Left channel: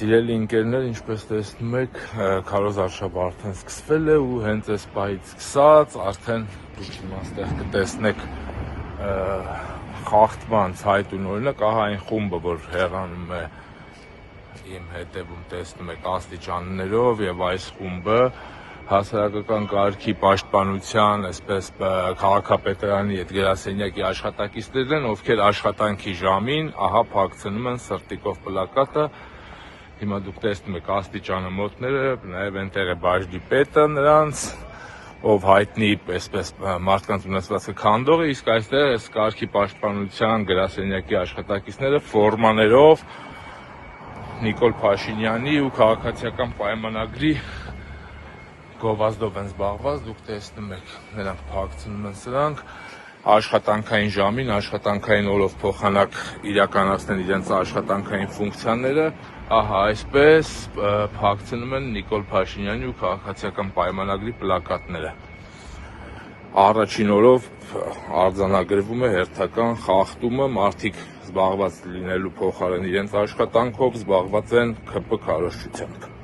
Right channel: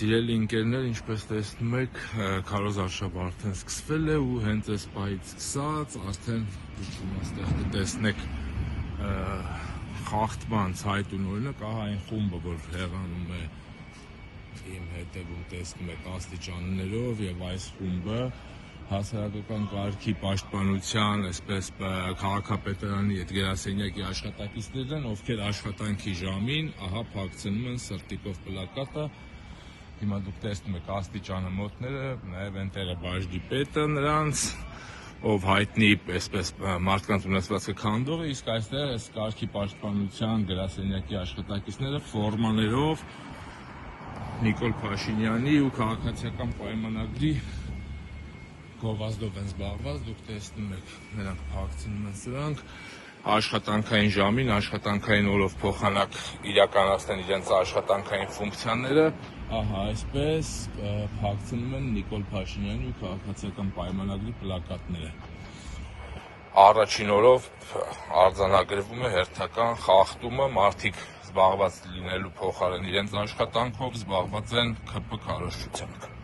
Սիրելի ընկերներ, ինչպես տեսնում եք, քարոզարշավը արդեն սկսվել է ու հենց այս պահից սկսած արդեն այստեղ կտեսնեք խախտման ցայտուն օրինակ, ահա այն խումբը, որ հեռանում է իմ հետևում տեսնում եք աստիճաններով եւ այս խումբը հասարակական կարգի պաշտպանության, այսպես քաղաքապետարանի այդ գրասենյակի աշխատակիցներն են, ովքեր աշխատանքի ժամին ահա փակցնում են սրտիկով պլակատը։ Հիմա դուք տեսնում եք աստիճանը մոտները, նաև այնտեղ է բաժնի պետը նրանց, ով հայտնի այսպես մարդկանց ունեցվածքը քանդող է, իսկ այստեղ այս կարգի պաշտպանության գրասենյակի աշխատակիցները ֆորմաներով Նիկոլ Փաշինյանի ու քաղաքացիական պայմանագրի գովազդով են զբաղված, դուք տեսնում եք, նրանք փակցնում են սրանք, աշխատանքային ժամին, աշխատանքային օրով փոխանակ իրականացնել իրենց աշխատանքային ֆունկցիաները, ահա այսպես փակցնում են Նիկոլ Փաշինյանի ու քաղաքացիական պայմանագրի պլակատները։ Առաջին օրով արձանագրվում է հերթական խախտումը, մարդիկ զբաղված լինելու փոխարեն իրենց աշխատանքով զբաղված են ՔՊ քարոզչությամբ։